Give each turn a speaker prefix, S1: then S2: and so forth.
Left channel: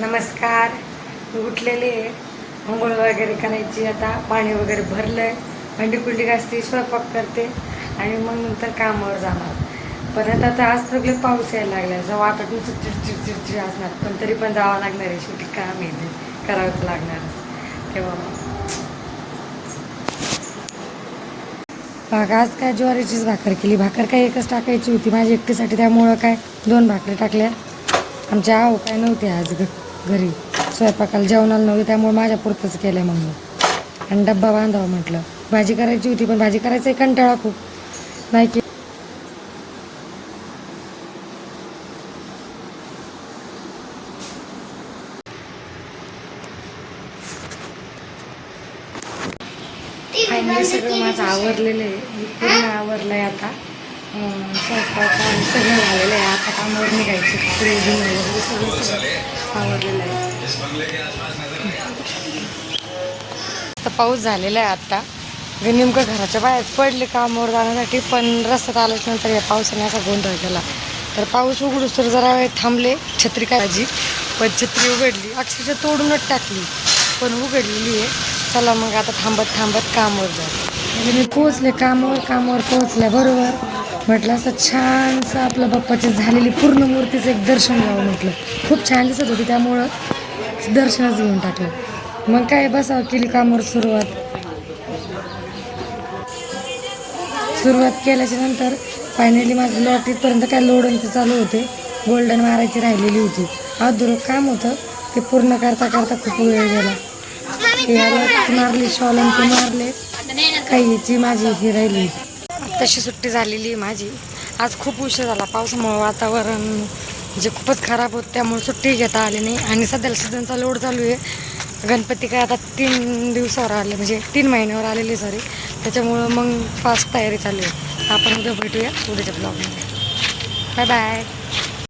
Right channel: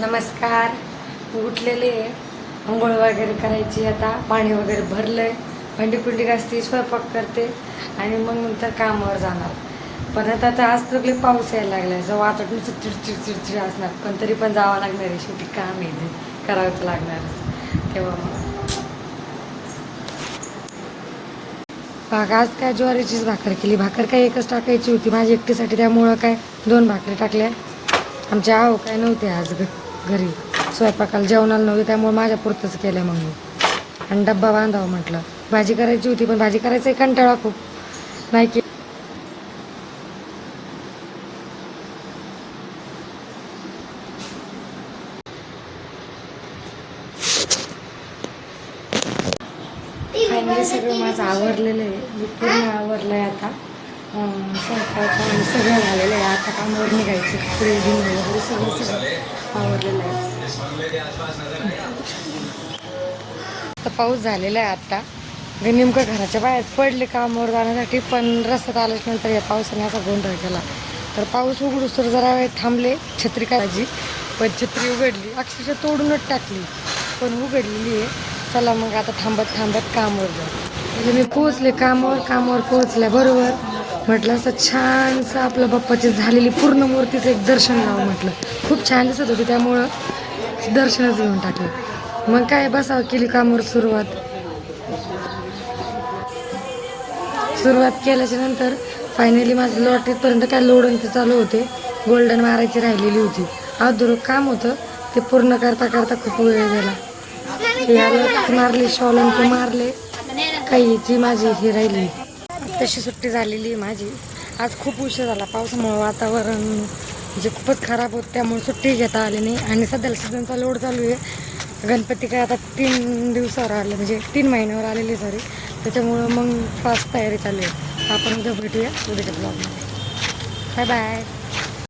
S1: नमस्कार. मी उठलेले आहे. आंघोळ वगैरे करायची आता. पाणी वगैरे भरलं आहे भांडी पिंडी घासते स्वयंपाक करते आणि मग नंतर कामावर जाणार. परत आता आज तर पाऊस यायला लागला जो वाटून चिडचिड चिडचिड असणार. पण तरी पण जावं लागणार आहे. शेवटी काम आहे ते. करावं तर लागणारच. तेव्हा मग. आज काय ज्वारीचीच भाकर केली. भाकर काय एकच टाकायची होती. माझ्या एकटीसाठी त्यामुळं काय दोन भाकरी टाकल्या. आमच्या आहो काय नव्हते आज घरी. स्वयंपाकाला जेवणाला नव्हते त्यामुळे माझ्या पुरतंच केलं मग मी आणि डब्बा बांधावं म्हटलं. भाजी करायची होती पण भाजी करायचा कंटाळा खूप. नाही की सगळं माझं आवडलेलं आहे पूर्ण आवडलं आहे आता. स्वयंपाक सगळं झालेलं आहे आता कामावर निघायचं. सगळं आवडलेलं आहे आता पाऊस झालेला आहे आता. घरी नेमकं घराच्या बाहेर पडले कामावर जाण्यासाठी पण रस्त्यात आल्यानंतर या पावसाने असा गोंधळ केला. तर पाऊस उघडूस तर जरा वेळ थांबले छत्री काळजी पण छत्री उघडली अक्षरशः तोडूनच टाकली. पण उघडलेली आहे. चला मग आता थांबत थांबत कामावर जा म्हणजे मी पोहोचले कामावर कामावर पोहोचल्या बरोबर. म्हटलं असं छानसं आपलं बाप्पाची झालेली पूर्ण मूर्तीचं एक दर्शन घ्यावं म्हटलं. खूप छान दिसत होती त्यामुळं. दर्शनच घेऊन टाकलं. मग काय बसावं केली कामावर सुरुवात. सुरुवात केल्याच्यानंतर फायनली माझं लॉटरीपर्यंत काय लोडन ते चालू होते. गोल्डन मारायची राहिलेली होती. अधुरं काम होतं. ते पूर्ण करता करता खूप वेळ गेला. मारले शॉलन ते मारले. काहीची माझी हे राहिली. तशी सुट्टी झालेली आहे माझी. आज खूप उशीर झाला. पावसामुळे वातावरण जे खूपच खराब होत त्यामुळे सुट्टी घेता आली नाही. आणि सध्याला सीझनचा लोड चालू आहे. गणपती काय आता तीन दिवसावर आले म्हणजे तीन महिन्यावर आलेली सॉरी त्याच्यामुळं मग फास्ट तयारी चालू आहे. आपण उद्या भेटूया उद्याच्या ब्लॉगमध्ये बाय बाय